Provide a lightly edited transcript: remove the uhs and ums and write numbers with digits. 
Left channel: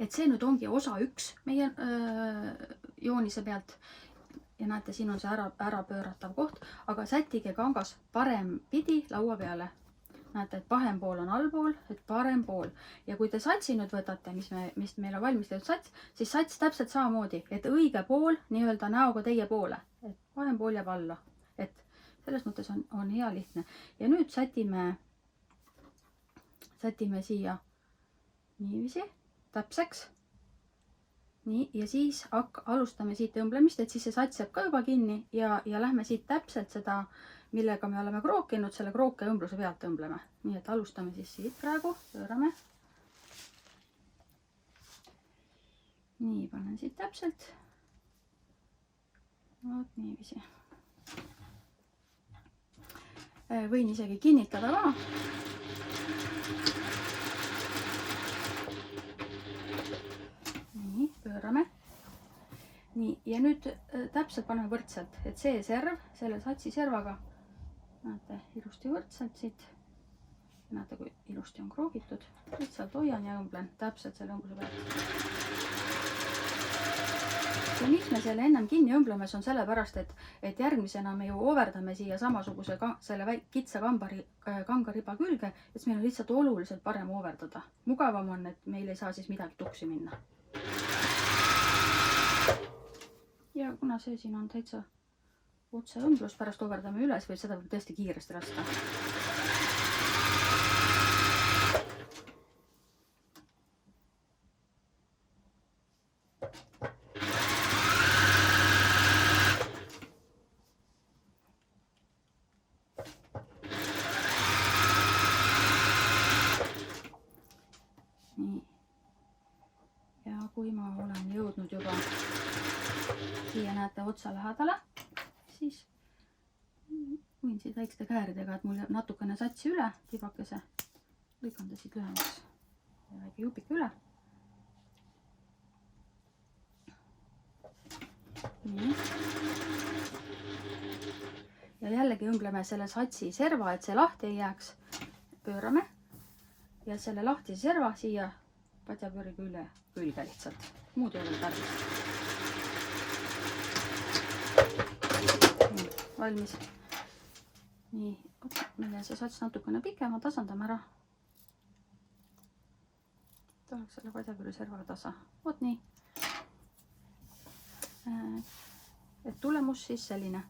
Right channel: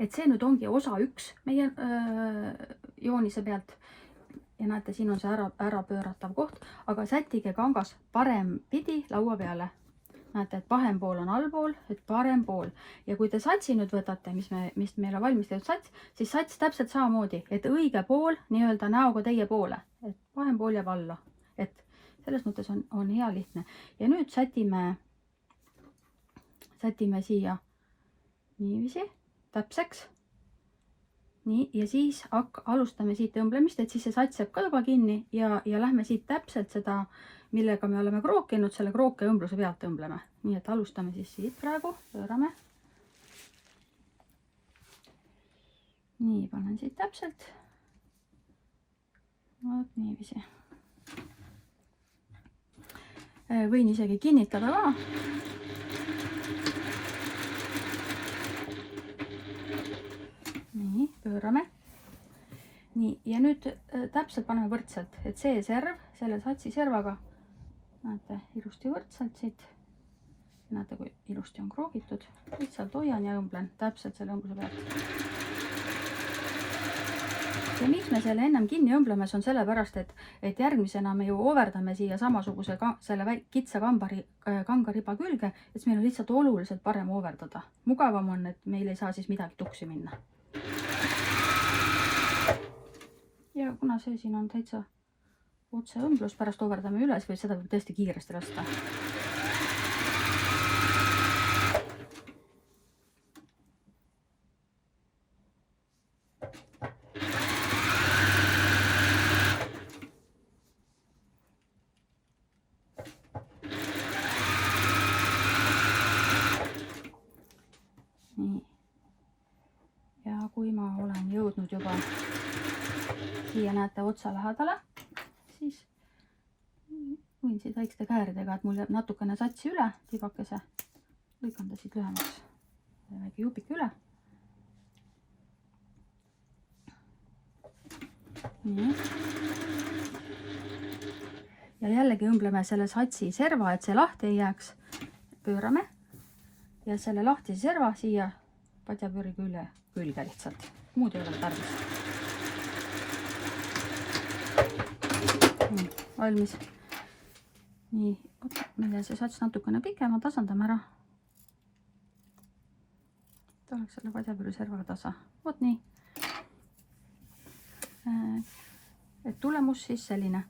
et see nüüd ongi osa 1 meie joonise pealt. Ja näete, siin on see ära pööratav koht, aga sättige kangas parempidi laua peale. Näete, et vahem pool on allpool, et parem pool. Ja kui te satsi nüüd võtate, mis meil on valmis tehtud sats, siis sats täpselt samamoodi, et õige pool nii-öelda näoga teie poole. Et vahem pool jääb alla. Et selles mõttes on hea lihtne. Ja nüüd sätime siia niiviisi täpseks. Nii, ja siis alustame siit õmblemist, et siis see sats jääb ka juba kinni ja lähme siit täpselt seda, millega me oleme krookinud, selle krooke õmbluse pealt õmbleme. Nii, et alustame siis siit praegu, pöörame. Nii, panen siit täpselt. Vaat niiviisi. Võin isegi kinnitada ka. Nii, pöörame. Nii, ja nüüd täpselt paneme võrdselt, et see serv, selle satsi servaga, näete, ilusti võrdselt siit. Näete, kui ilusti on kroogitud. Lihtsalt hoian ja õmblen täpselt selle õmbluse pealt. Ja miks me selle ennem kinni õmblemas on sellepärast, et järgmisena me ju overdame siia samasuguse selle kitsa kangariba külge, et meil on lihtsalt oluliselt parem overdada. Mugavam on, et meil ei saa siis midagi tuksi minna. Ja kuna see siin on täitsa otse õmblus, pärast overdame üles või seda võib tõesti kiiresti lasta. Nii. Ja kui ma olen jõudnud juba siia näete otsa lähedale, siis võin siit väikeste kääridega, et mul jääb natukene satsi üle, tibakese, lõikan ta siit lühemaks, väike jupik üle. Nii. Ja jällegi õmbleme selle satsi serva, et see lahti ei jääks. Pöörame ja selle lahtise serva siia padjapööri külge lihtsalt. Muud ei ole tarvis. Valmis. Nii, meil on see sats natukene pikem, tasandame ära. Ta oleks selle padjapööri servaga tasa. Vot nii. Et tulemus siis selline.